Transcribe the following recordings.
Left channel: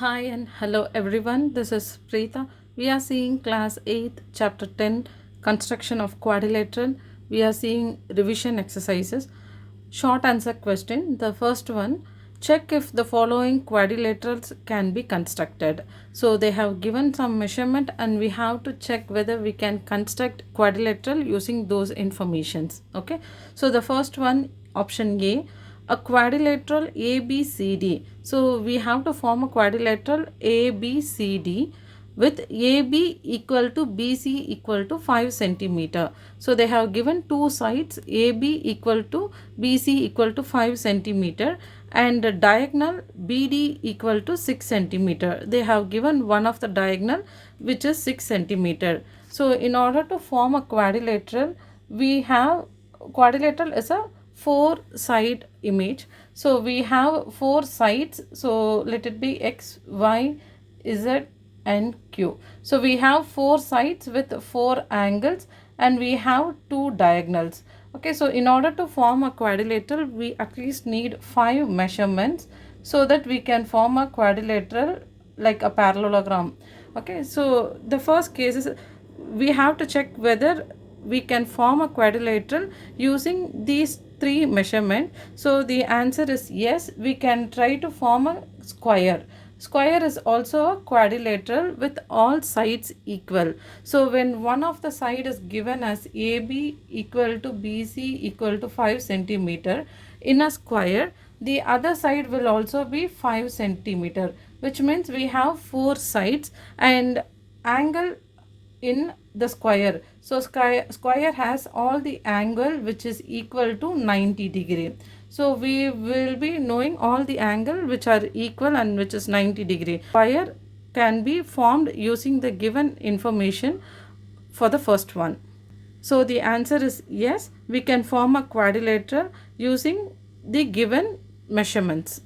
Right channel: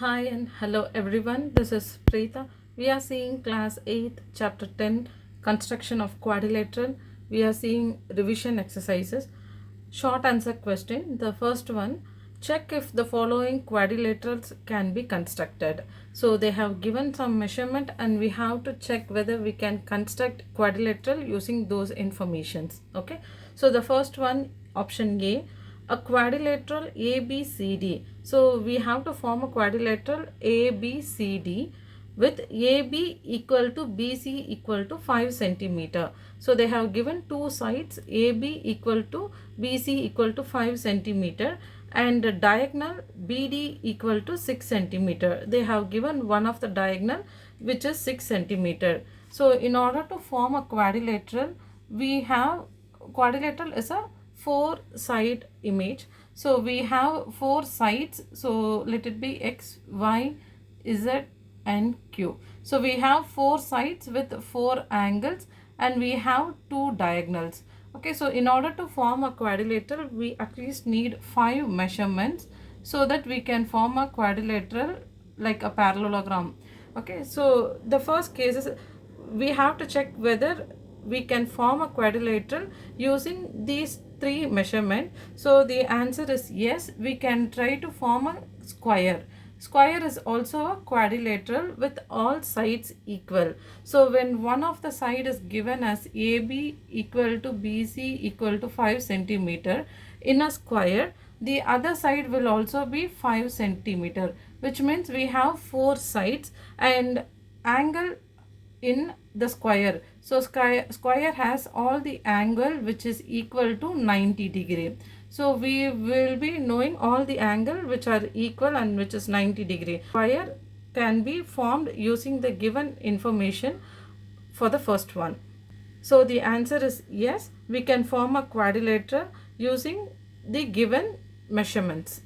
Hi and hello everyone. This is Preeta. We are seeing class 8 chapter 10 construction of quadrilateral. We are seeing revision exercises. Short answer question. The first one, check if the following quadrilaterals can be constructed. So they have given some measurement and we have to check whether we can construct quadrilateral using those informations. Okay. So the first one, option A quadrilateral ABCD. So we have to form a quadrilateral ABCD with AB equal to BC equal to 5 centimeter. So they have given two sides AB equal to BC equal to 5 centimeter and the diagonal BD equal to 6 centimeter. They have given one of the diagonal which is 6 centimeter. So in order to form a quadrilateral, we have quadrilateral is a four side image. So we have four sides. So let it be X, Y, Z and Q. So we have four sides with four angles and we have two diagonals. Okay, so in order to form a quadrilateral, we at least need 5 measurements so that we can form a quadrilateral like a parallelogram. Okay, so the first case is we have to check whether we can form a quadrilateral using these three measurements. So the answer is yes, we can try to form a square. Square is also a quadrilateral with all sides equal. So when one of the side is given as AB equal to BC equal to 5 centimeter in a square, the other side will also be 5 centimeter, which means we have four sides and angle in the square. So square has all the angle which is equal to 90 degree. So we will be knowing all the angle which are equal and which is 90 degree. Square can be formed using the given information for the first one. So the answer is yes, we can form a quadrilateral using the given measurements.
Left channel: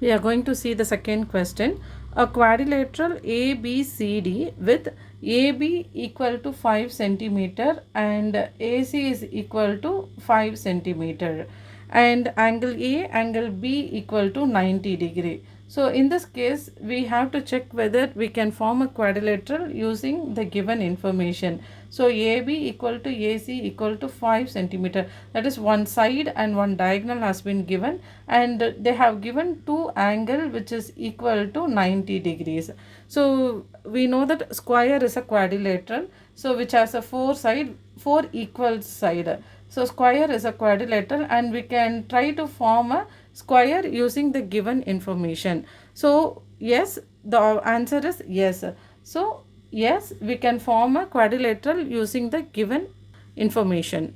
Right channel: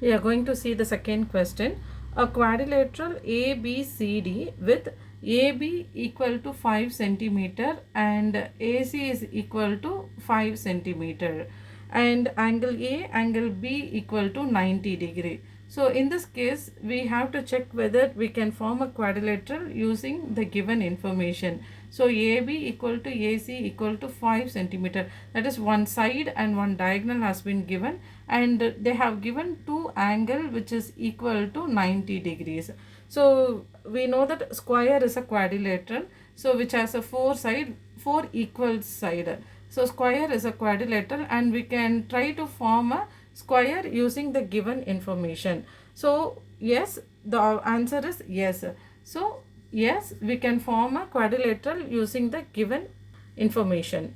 We are going to see the second question. A quadrilateral ABCD with AB equal to 5 centimeter and AC is equal to 5 centimeter and angle A, angle B equal to 90 degree. So in this case, we have to check whether we can form a quadrilateral using the given information. So AB equal to AC equal to 5 centimeter. That is one side and one diagonal has been given and they have given two angle which is equal to 90 degrees. So we know that square is a quadrilateral. So which has a four equal side. So square is a quadrilateral and we can try to form a square using the given information. So yes, the answer is yes. So yes, we can form a quadrilateral using the given information.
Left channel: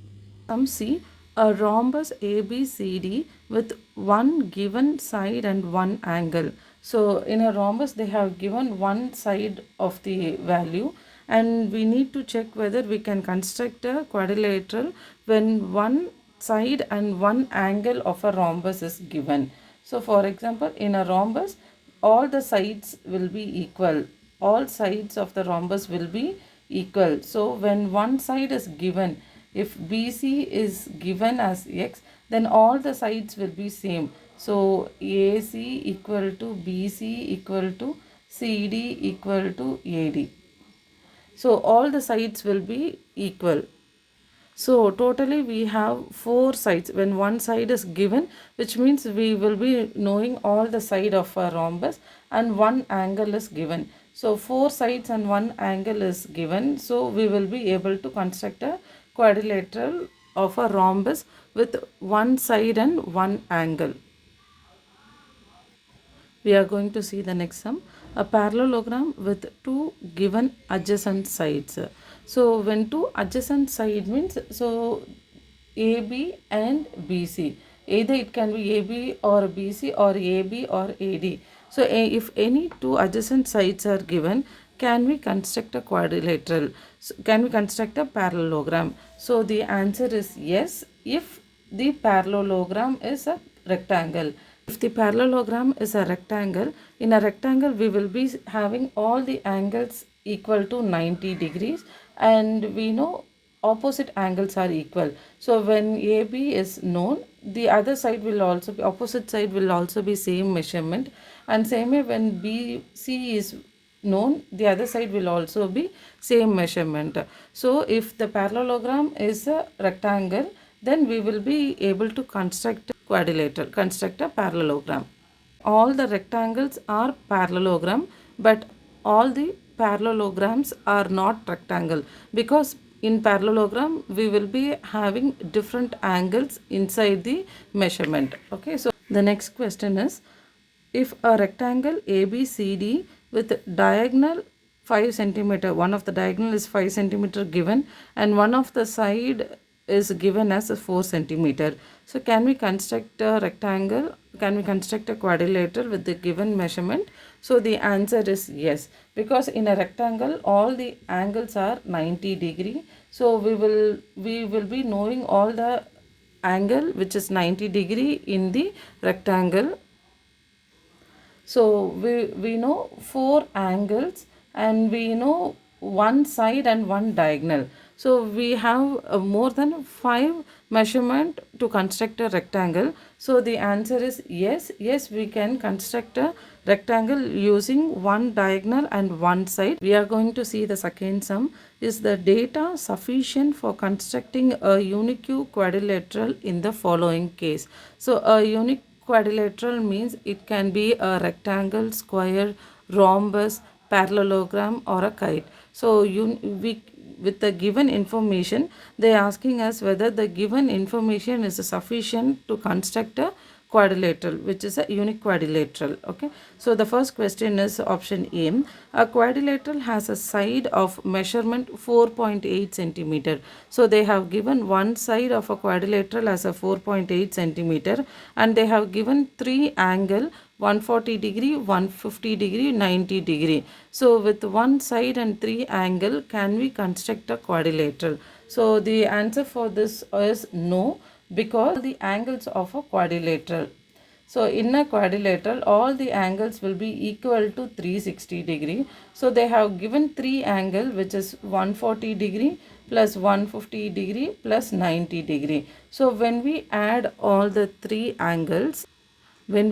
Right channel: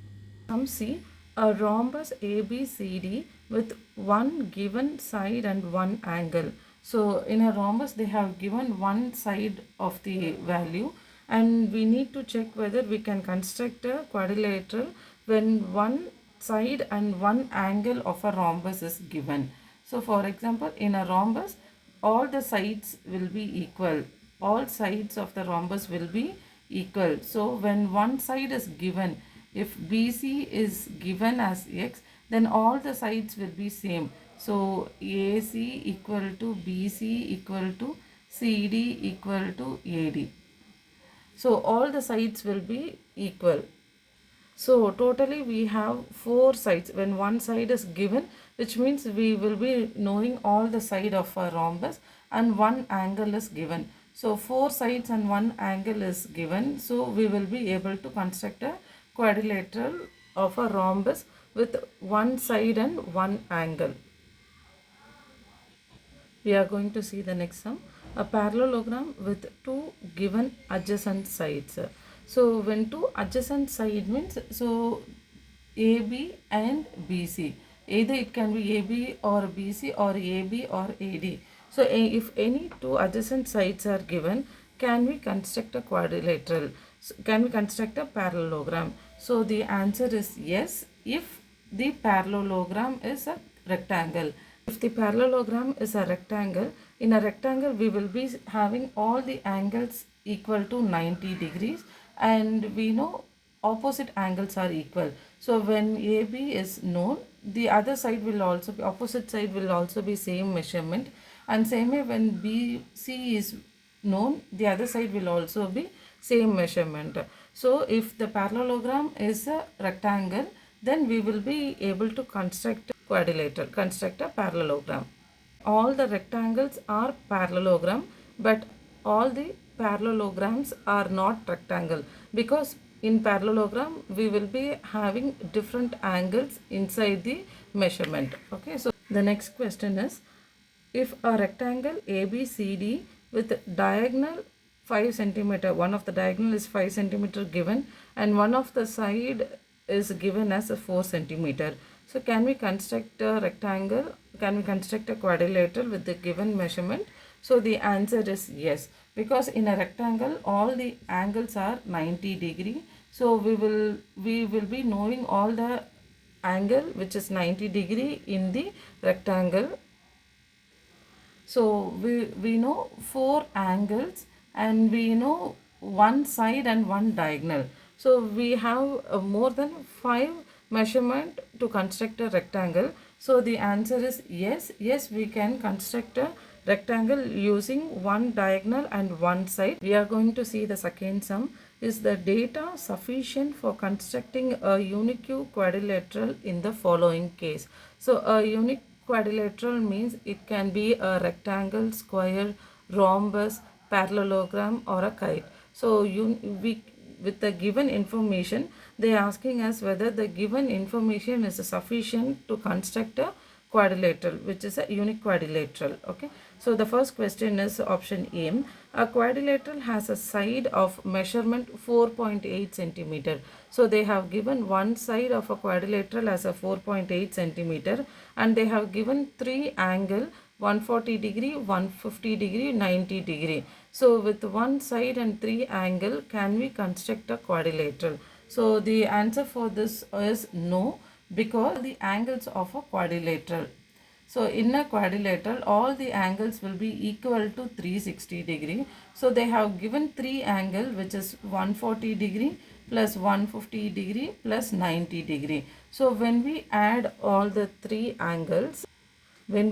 See a rhombus ABCD with one given side and one angle. So in a rhombus they have given one side of the value and we need to check whether we can construct a quadrilateral when one side and one angle of a rhombus is given. So for example, in a rhombus all the sides will be equal. All sides of the rhombus will be equal. So when one side is given, if BC is given as X, then all the sides will be same. So AC equal to BC equal to CD equal to AD. So all the sides will be equal. So totally we have four sides. When one side is given, which means we will be knowing all the side of a rhombus and one angle is given. So four sides and one angle is given. So we will be able to construct a quadrilateral of a rhombus with one side and one angle. We are going to see the next sum. A parallelogram with two given adjacent sides. So when two adjacent side means, so AB and BC. Either it can be AB or BC or AB or AD. So if any two adjacent sides are given, can we construct a quadrilateral? So can we construct a parallelogram? So the answer is yes, if the parallelogram is a rectangle. If the parallelogram is a rectangle, in a rectangle we will be having all the angles equal to 90 degrees and we know opposite angles are equal. So when AB is known, the other side will also be, opposite side will also be same measurement. And same way when BC is known, the other side will also be same measurement. So if the parallelogram is a rectangle, then we will be able to construct a quadrilateral, construct a parallelogram. All the rectangles are parallelogram, but all the parallelograms are not rectangle, because in parallelogram we will be having different angles inside the measurement. Okay, so the next question is, if a rectangle ABCD with diagonal 5 centimeter, one of the diagonal is 5 centimeter given, and one of the side is given as a 4 centimeter. So can we construct a rectangle? Can we construct a quadrilateral with the given measurement? So the answer is yes, because in a rectangle all the angles are 90 degree. So we will be knowing all the angle which is 90 degree in the rectangle. So we know 4 angles, and we know one side and one diagonal. So we have more than 5 measurement to construct a rectangle. So the answer is yes. Yes, we can construct a rectangle using one diagonal and one side. We are going to see the second sum. Is the data sufficient for constructing a unique quadrilateral in the following case? So a unique quadrilateral means it can be a rectangle, square, rhombus, parallelogram, or a kite. So with the given information, they are asking us whether the given information is sufficient to construct a quadrilateral, which is a unique quadrilateral. Okay, so the first question is option A. A quadrilateral has a side of measurement 4.8 centimeter. So they have given one side of a quadrilateral as a 4.8 centimeter, and they have given 3 angle 140 degree, 150 degree, 90 degree. So with one side and 3 angle, can we construct a quadrilateral? So the answer for this is no, because the angles of a quadrilateral. So in a quadrilateral, all the angles will be equal to 360 degree. So they have given 3 angle, which is 140 degree plus 150 degree plus 90 degree. So when we add all the 3 angles, we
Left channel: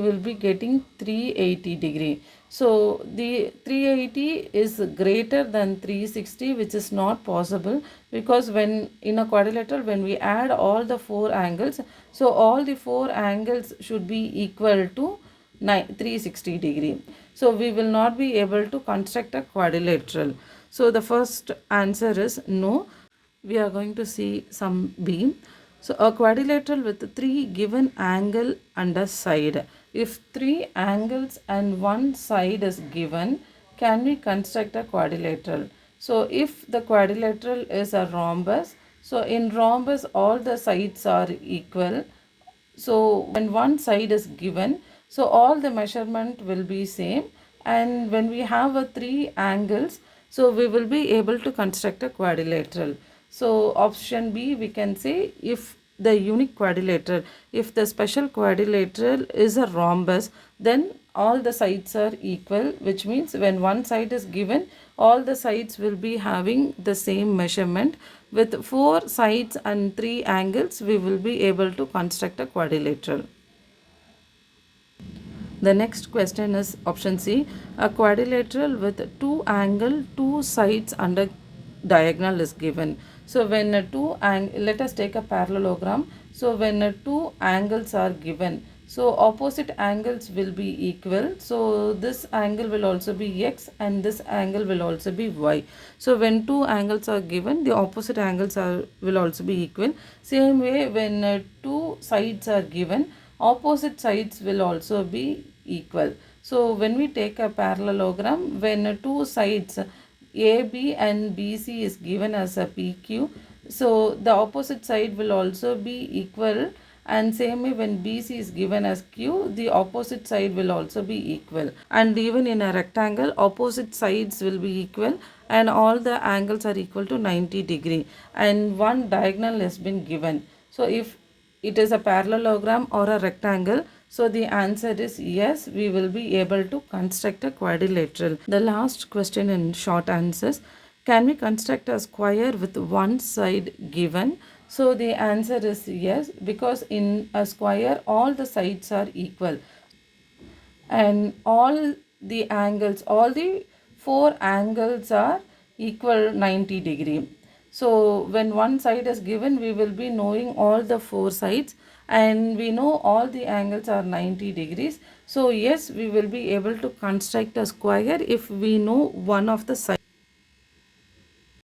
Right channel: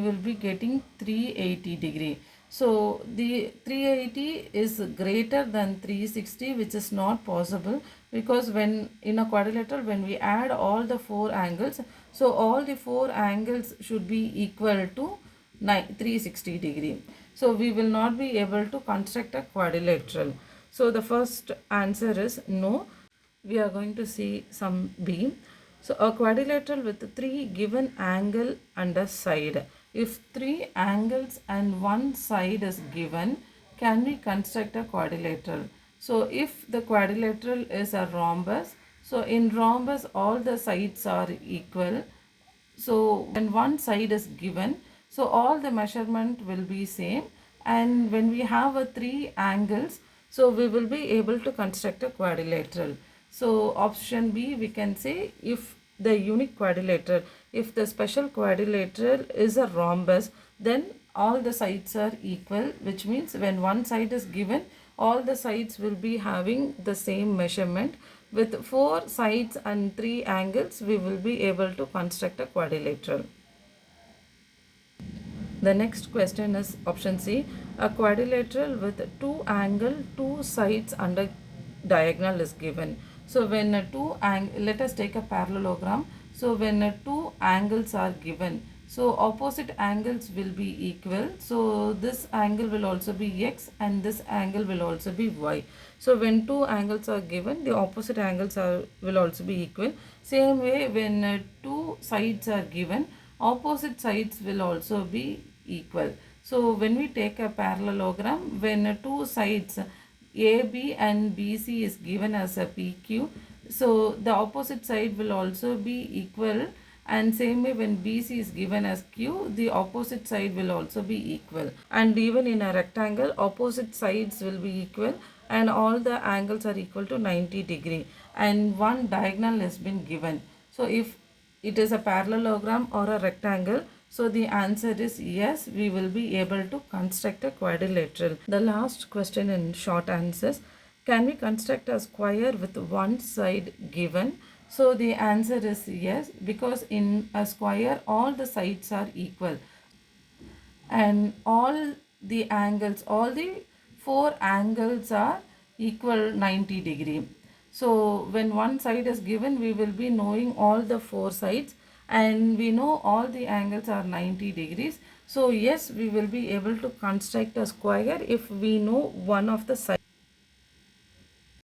will be getting 380 degree. So the 380 is greater than 360, which is not possible, because when in a quadrilateral, when we add all the 4 angles, so all the 4 angles should be equal to 360 degree. So we will not be able to construct a quadrilateral. So the first answer is no. We are going to see some B. So a quadrilateral with 3 given angle and a side. If 3 angles and one side is given, can we construct a quadrilateral? So if the quadrilateral is a rhombus, so in rhombus all the sides are equal. So when one side is given, so all the measurement will be same, and when we have a 3 angles, so we will be able to construct a quadrilateral. So option B, we can say, if the unique quadrilateral, if the special quadrilateral is a rhombus, then all the sides are equal, which means when one side is given, all the sides will be having the same measurement. With 4 sides and 3 angles, we will be able to construct a quadrilateral. The next question is option C. A quadrilateral with 2 angle, 2 sides and a diagonal is given. So when let us take a parallelogram. So when 2 angles are given, so opposite angles will be equal. So this angle will also be x, and this angle will also be y. So when 2 angles are given, the opposite angles will also be equal. Same way, when 2 sides are given, opposite sides will also be equal. So when we take a parallelogram, when 2 sides AB and BC is given as a PQ, so the opposite side will also be equal, and same way when BC is given as Q, the opposite side will also be equal. And even in a rectangle, opposite sides will be equal, and all the angles are equal to 90 degree, and one diagonal has been given. So if it is a parallelogram or a rectangle, so the answer is yes, we will be able to construct a quadrilateral. The last question in short answers: can we construct a square with one side given? So the answer is yes, because in a square all the sides are equal and all the four angles are equal 90 degree. So when one side is given, we will be knowing all the four sides and we know all the angles are 90 degrees. So yes, we will be able to construct a square if we know one of the sides.